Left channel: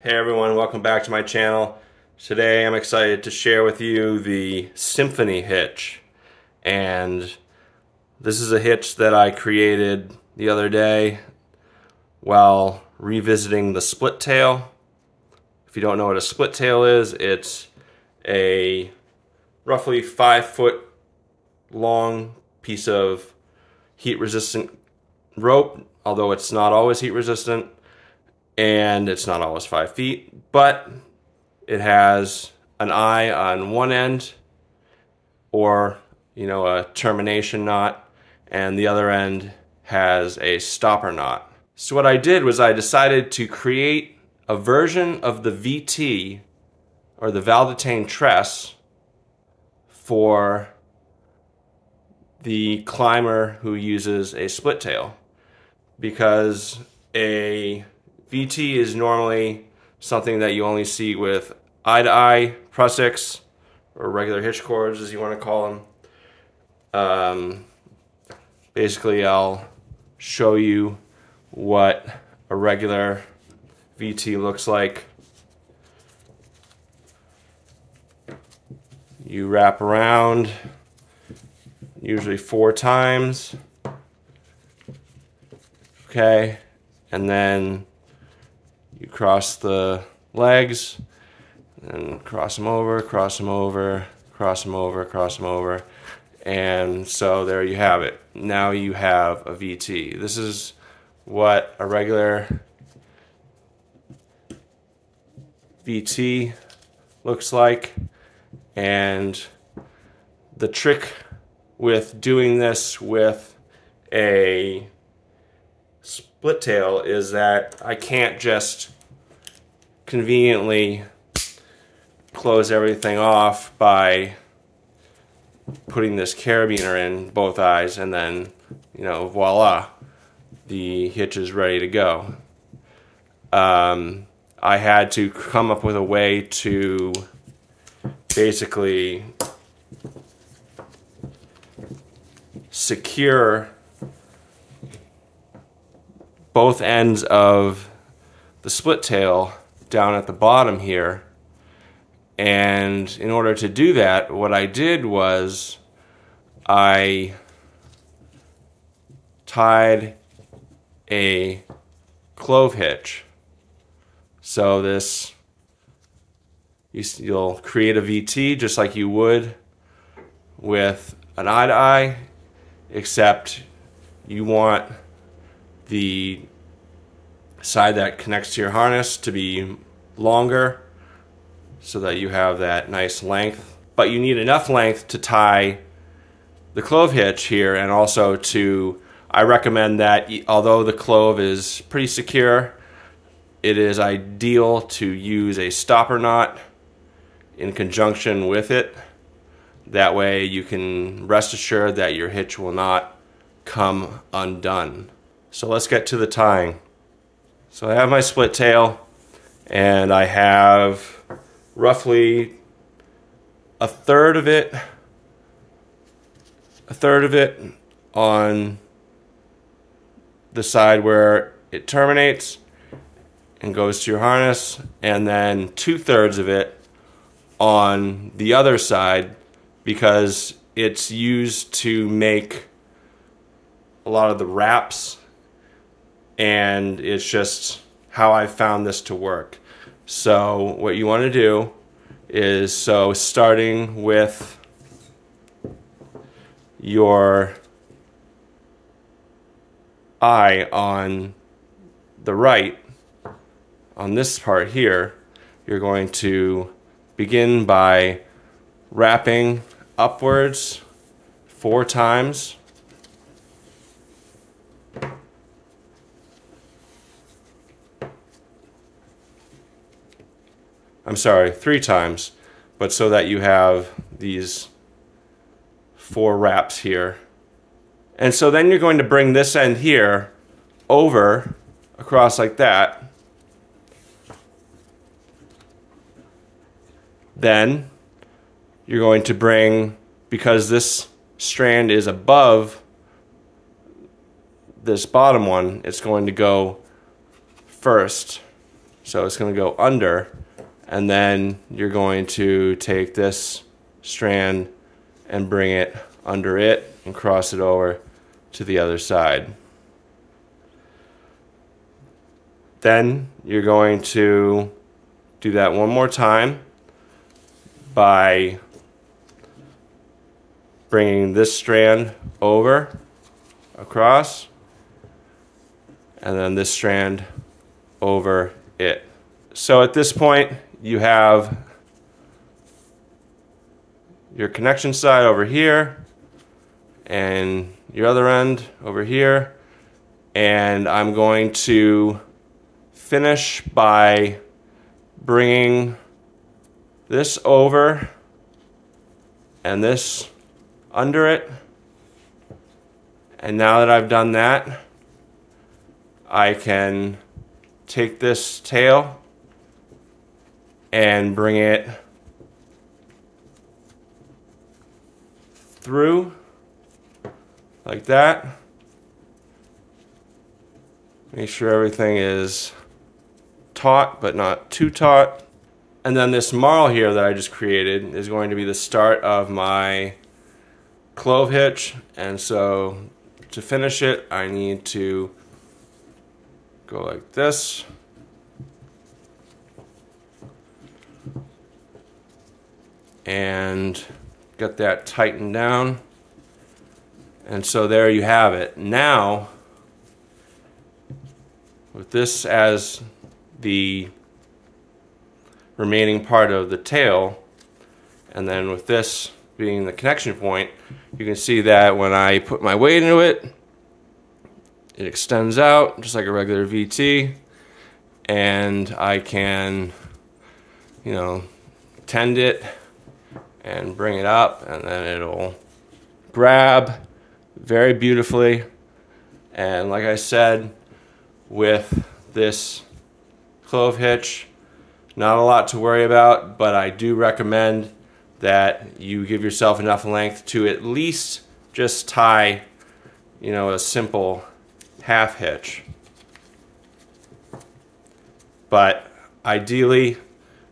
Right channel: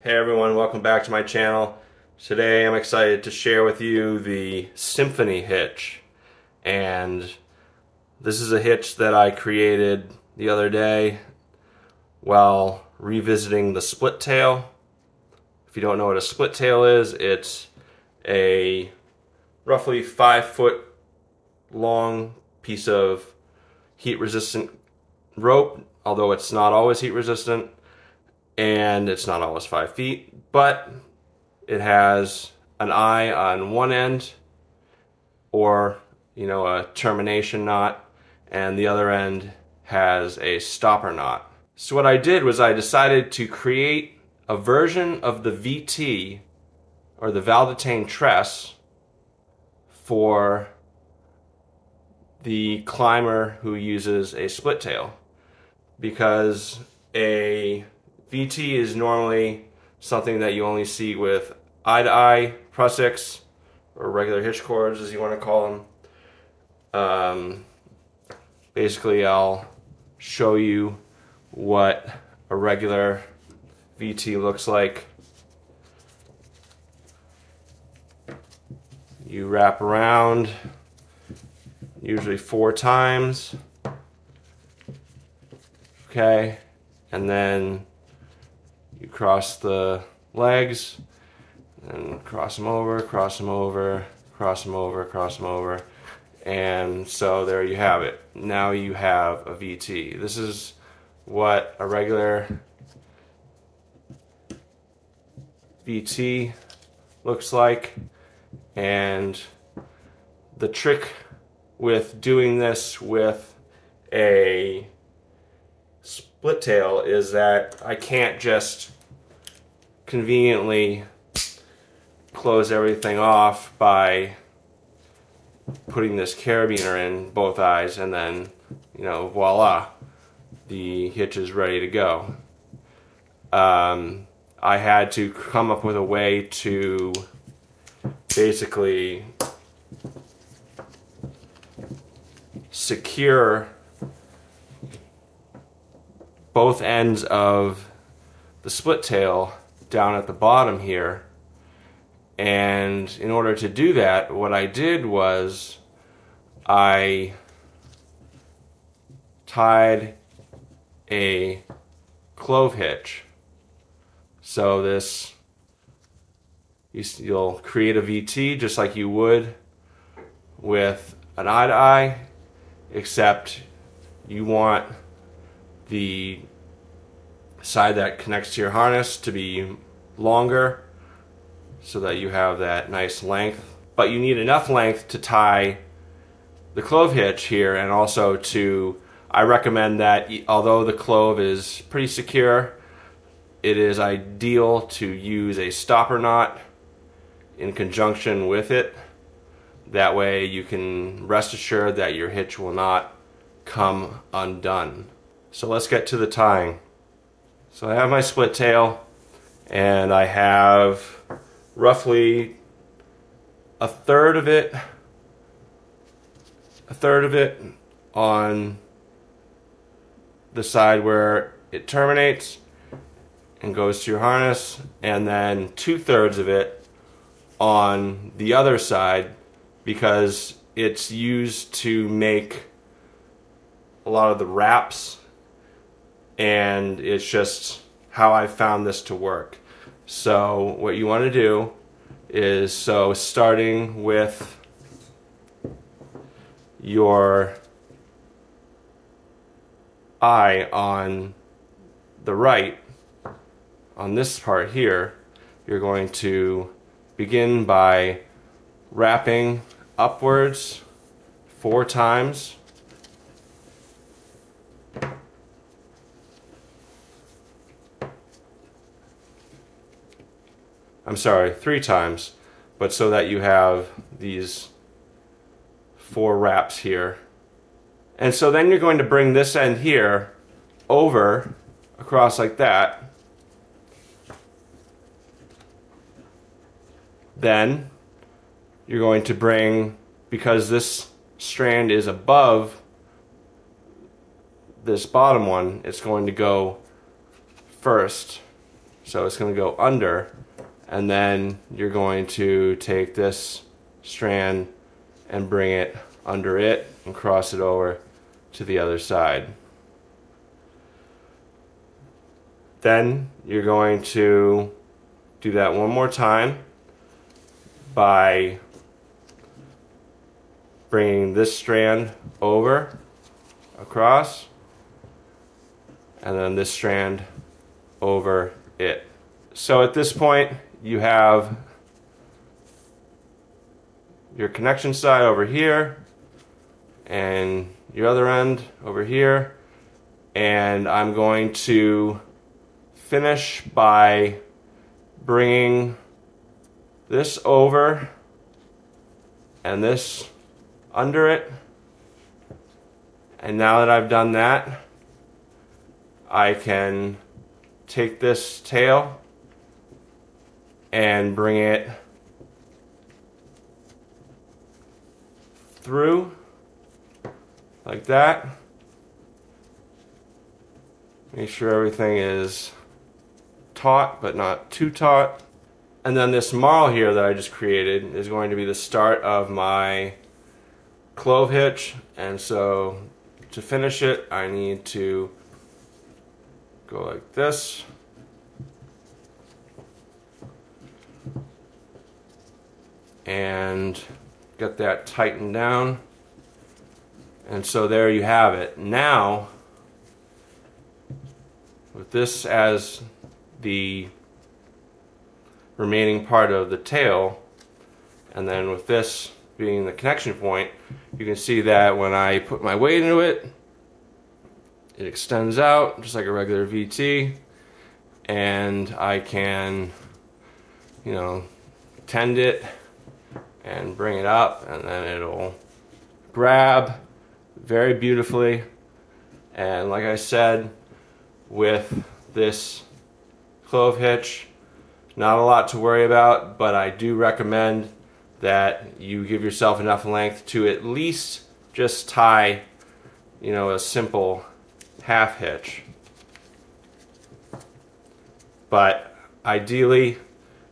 Hey everyone, welcome back to my channel. Today I'm excited to share with you the SYMPHONY hitch. And this is a hitch that I created the other day while revisiting the split tail. If you don't know what a split tail is, it's a roughly 5-foot long piece of heat resistant rope, although it's not always heat resistant. And it's not always 5 feet, but it has an eye on one end, or a termination knot, and the other end has a stopper knot. So what I did was I decided to create a version of the VT, or the Valdotain Tresse, for the climber who uses a split tail, because a VT is normally something that you only see with eye-to-eye prusiks, or regular hitch cords as you want to call them. Basically, I'll show you what a regular VT looks like. You wrap around usually 4 times, okay, and then you cross the legs and cross them over, cross them over, cross them over, cross them over, and so there you have it. Now you have a VT. This is what a regular VT looks like, and the trick with doing this with a split tail is that I can't just conveniently close everything off by putting this carabiner in both eyes and then, voila, the hitch is ready to go. I had to come up with a way to basically secure both ends of the split tail down at the bottom here. And in order to do that, what I did was I tied a clove hitch. So this, you'll create a VT just like you would with an eye-to-eye, except you want the side that connects to your harness to be longer so that you have that nice length. But you need enough length to tie the clove hitch here, and also I recommend that although the clove is pretty secure, it is ideal to use a stopper knot in conjunction with it. That way you can rest assured that your hitch will not come undone. So let's get to the tying. So I have my split tail, and I have roughly a third of it on the side where it terminates and goes to your harness, and then 2/3 of it on the other side, because it's used to make a lot of the wraps, and it's just how I found this to work. So what you want to do is, starting with your eye on the right, on this part here, you're going to begin by wrapping upwards 4 times. I'm sorry, 3 times, but so that you have these 4 wraps here. And so then you're going to bring this end here over, across like that. Then you're going to bring, because this strand is above this bottom one, it's going to go first. So it's going to go under, and then you're going to take this strand and bring it under it and cross it over to the other side. Then you're going to do that one more time by bringing this strand over, across, and then this strand over it. So at this point, you have your connection side over here and your other end over here, and I'm going to finish by bringing this over and this under it. And now that I've done that, I can take this tail and bring it through like that. Make sure everything is taut but not too taut. And then this marl here that I just created is going to be the start of my clove hitch, and so to finish it I need to go like this, and get that tightened down. And so there you have it. Now, with this as the remaining part of the tail, and then with this being the connection point, you can see that when I put my weight into it, it extends out just like a regular VT, and I can, you know, tend it and bring it up, and then it'll grab very beautifully. And like I said, with this clove hitch, not a lot to worry about, but I do recommend that you give yourself enough length to at least just tie, you know, a simple half hitch. But ideally,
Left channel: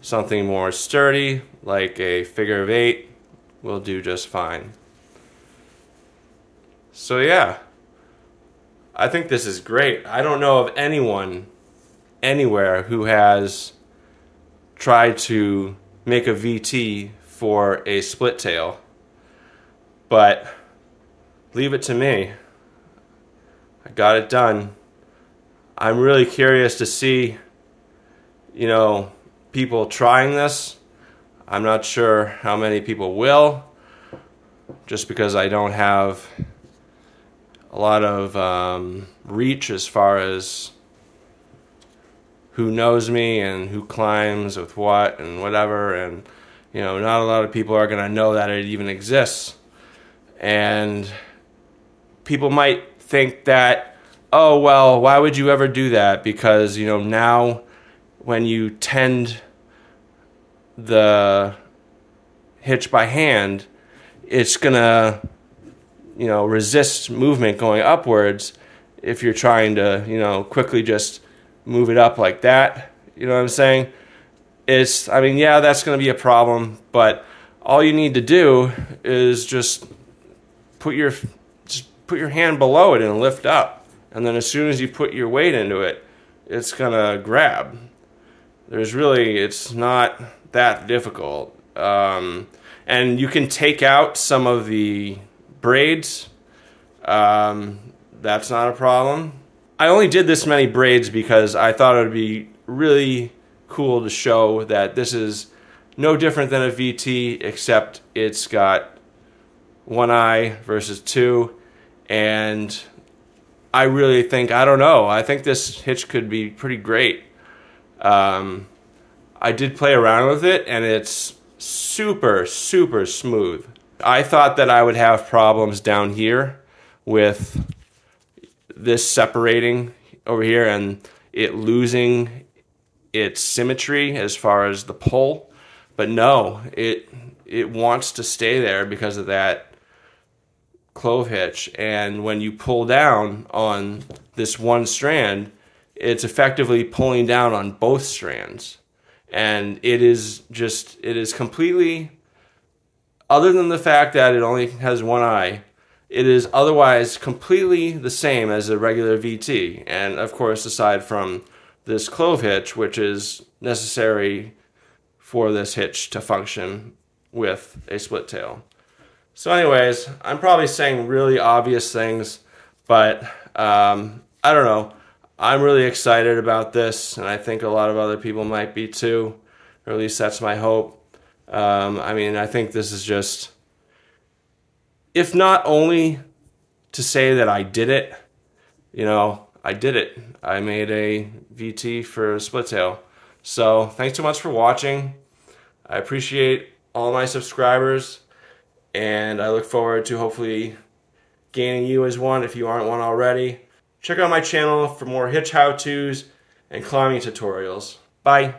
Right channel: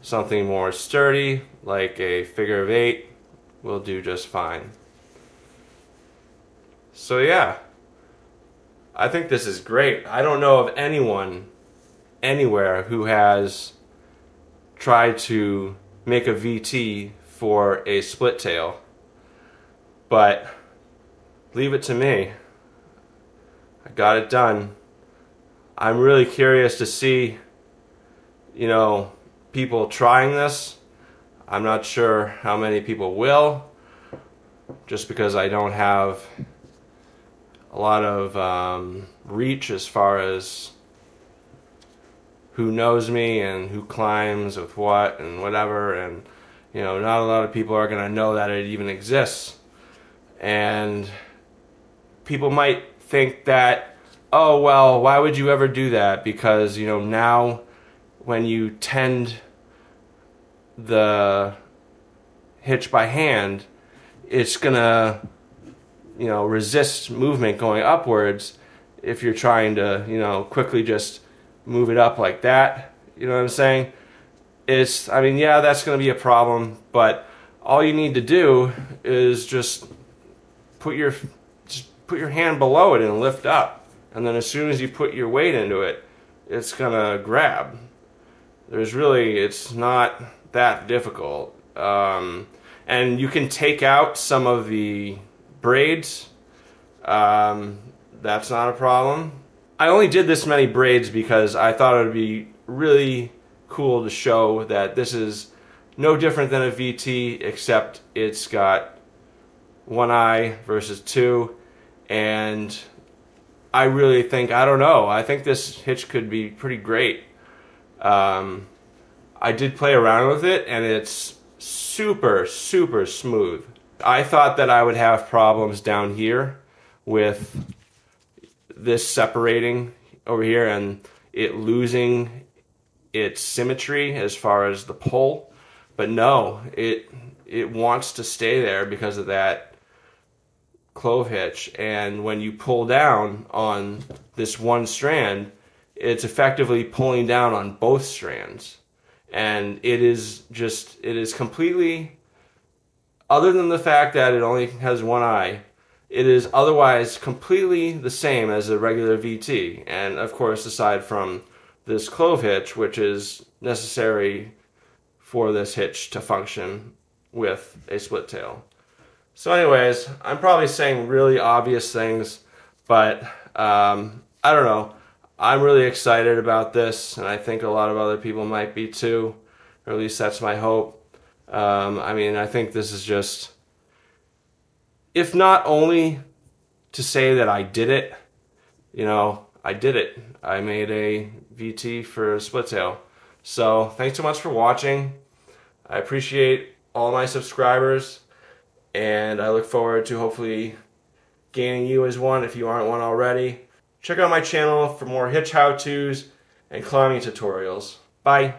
something more sturdy, like a figure of 8, will do just fine. So yeah, I think this is great. I don't know of anyone anywhere who has tried to make a VT for a split tail, but leave it to me. I got it done. I'm really curious to see, you know, people trying this. I'm not sure how many people will, just because I don't have a lot of reach as far as who knows me and who climbs with what and whatever, and you know, not a lot of people are gonna know that it even exists. And people might think that, oh well, why would you ever do that? Because, you know, now when you tend the hitch by hand, it's gonna, you know, resist movement going upwards if you're trying to, you know, quickly just move it up like that. You know what I'm saying? It's, I mean, yeah, that's going to be a problem, but all you need to do is just put your hand below it and lift up, and then as soon as you put your weight into it, it's gonna grab. It's not that difficult, and you can take out some of the braids. That's not a problem. I only did this many braids because I thought it would be really cool to show that this is no different than a VT, except it's got one eye versus two. And I really think, I don't know, I think this hitch could be pretty great. I did play around with it, and it's super, super smooth. I thought that I would have problems down here with this separating over here and it losing its symmetry as far as the pull, but no, it wants to stay there because of that clove hitch. And when you pull down on this one strand, it's effectively pulling down on both strands. And it is completely, other than the fact that it only has one eye, it is otherwise completely the same as a regular VT. And of course, aside from this clove hitch, which is necessary for this hitch to function with a split tail. So anyways, I'm probably saying really obvious things, but I don't know. I'm really excited about this, and I think a lot of other people might be too, or at least that's my hope. I mean, I think this is just, if not only to say that I did it, you know, I did it. I made a VT for a split tail. So thanks so much for watching. I appreciate all my subscribers, and I look forward to hopefully gaining you as one if you aren't one already. Check out my channel for more hitch how-tos and climbing tutorials. Bye.